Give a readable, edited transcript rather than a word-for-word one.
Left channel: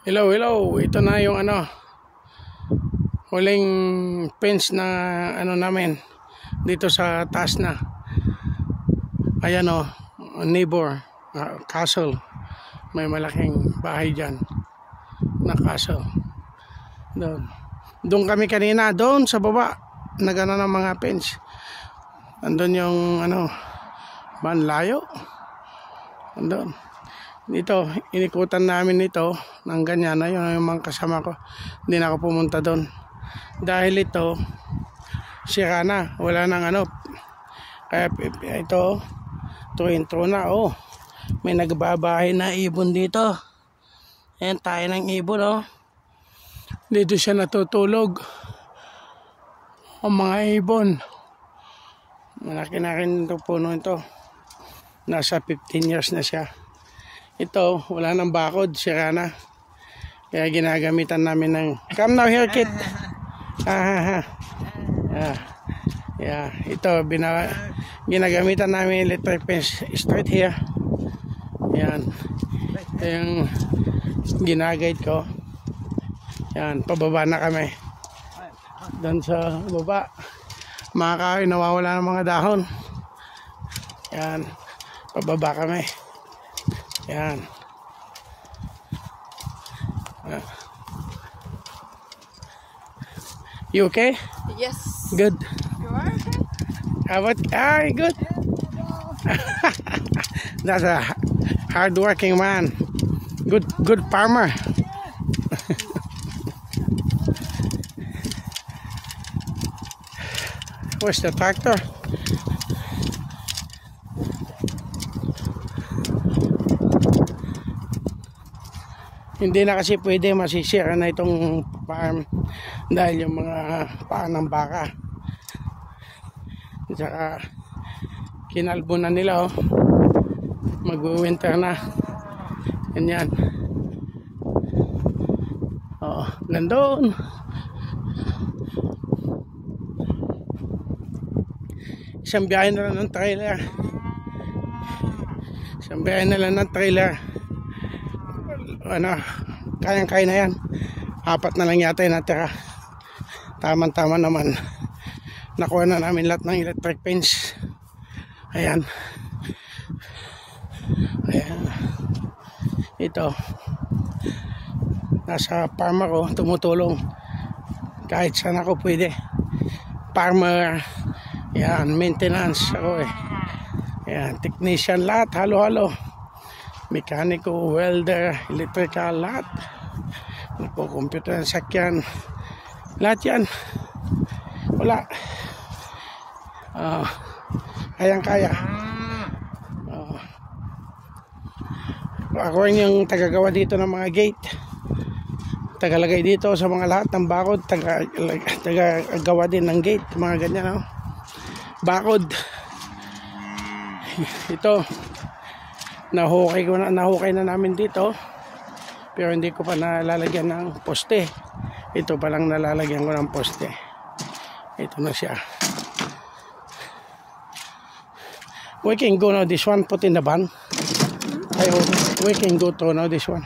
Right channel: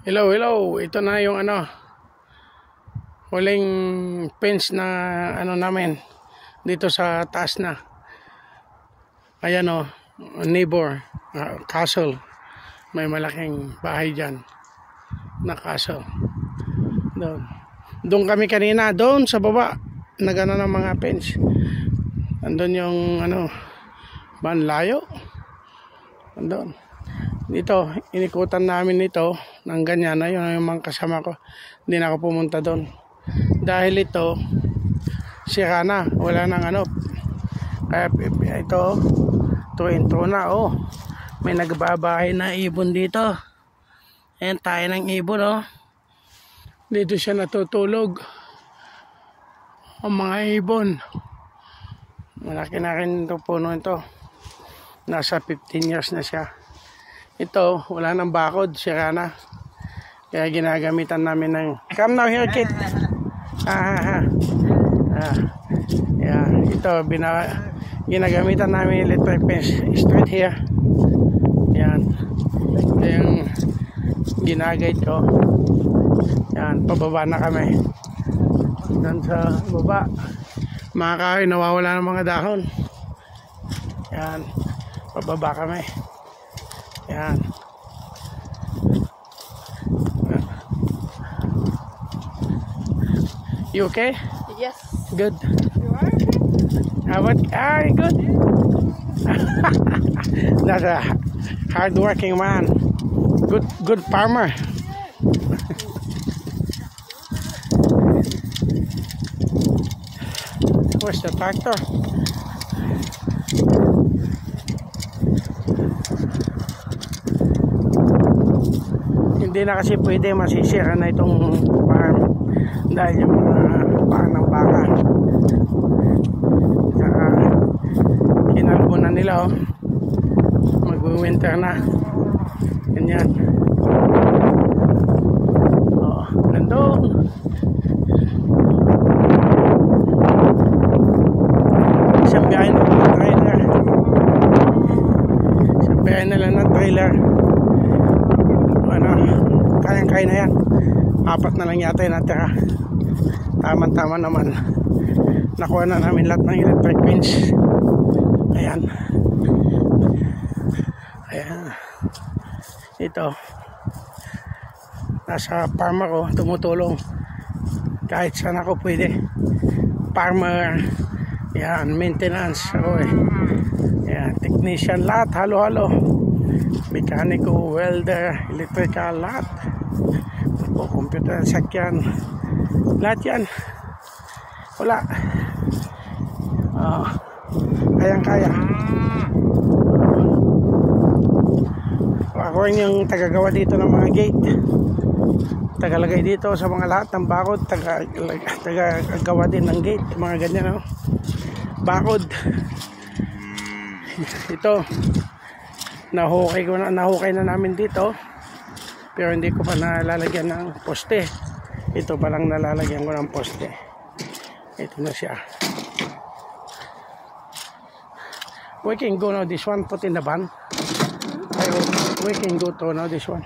Hello, hello. Ito na yung huling fence na namin dito sa taas na. Ayan neighbor, castle. May malaking bahay dyan na castle. Doon kami kanina, doon sa baba. Nagano ng mga fence. Andun yung banlayo. Andun. Dito, inikutan namin ito ng ganyan na yung mga kasama ko. Hindi na ako pumunta doon. Dahil ito, sira na. Wala nang ito, intro na. May nagbabahay na ibon dito. Ayan, tayo ng ibon Dito siya natutulog. Ang mga ibon. Malaki na rin ito puno ito. Nasa 15 years na siya. Ito, wala nang bakod, sira na. Kaya ginagamitan namin ng come now here kid. Ito, ginagamitan namin electric fence straight here. Yan. Yung ginaguide ko. Yan, pababa na kami. Doon sa baba. Mga kahoy, nawawala ng mga dahon. Yan, pababa kami. Yan. You okay? Yes. Good. You are? Good. That's a hard-working man. Good farmer. Where's the tractor? Hindi na kasi pwede masisira na itong farm dahil yung mga paan ng baka. Saka kinalbo na nila mag-winter na. Ganyan. Gandun. Isang biyahe na lang ng trailer. Kayang-kaya na yan. 4 na lang yata yung natira. Tama-tama naman. Nakuha na namin lahat ng electric fence. Ayan. Ito. Nasa farm ako, tumutulong. Kahit saan ako pwede. Farmer. Ayan, maintenance ako Ayan, technician lahat, halo-halo. Mekaniko, welder, electrical, lahat. Computer, sakyan, lahat yan. Wala. Kayang-kaya. Ako yung tagagawa dito ng mga gate. Tagalagay dito sa mga lahat ng bakod. Tagagawa din ng gate. Mga ganyan bakod. Ito. Nahukay na namin dito. Pero hindi ko pa nalalagyan ng poste. Ito pa lang nalalagyan ko ng poste. Ito na siya. We can go now this one, put in the van. We can go to now this one.